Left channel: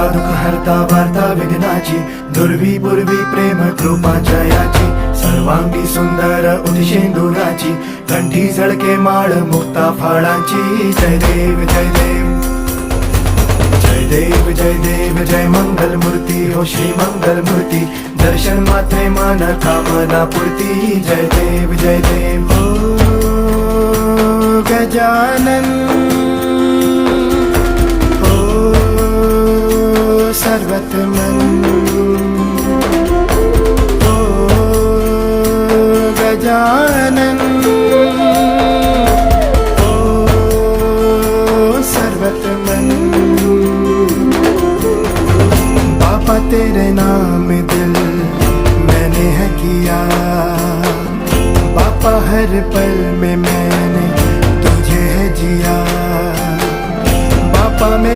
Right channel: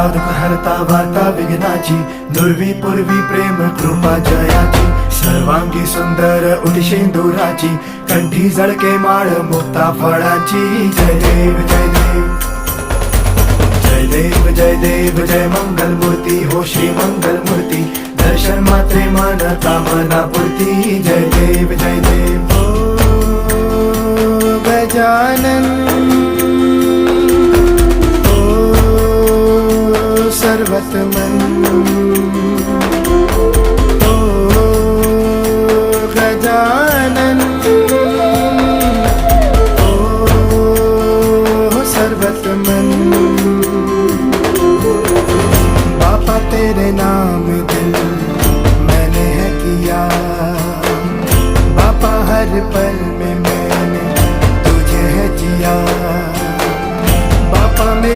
हरता दुःख हरता वार्ता विघ्नाची, दुर्वी पूर्वी प्रेम कृपा जयाची, सर्वांगी सुंदर उदिशेंदुराची, कंठी झळके माळ मुक्ता फळाची. जय देव जय देव जय देव जय देव जय मंगल मूर्ती हो श्री मंगल मूर्ती, दर्शन मात्रे मन कामना पूर्ती. जय देव जय देव हो गजानन सर्वतमन ओ गजानन ओ सर्वतमन. बापा तेरे नाम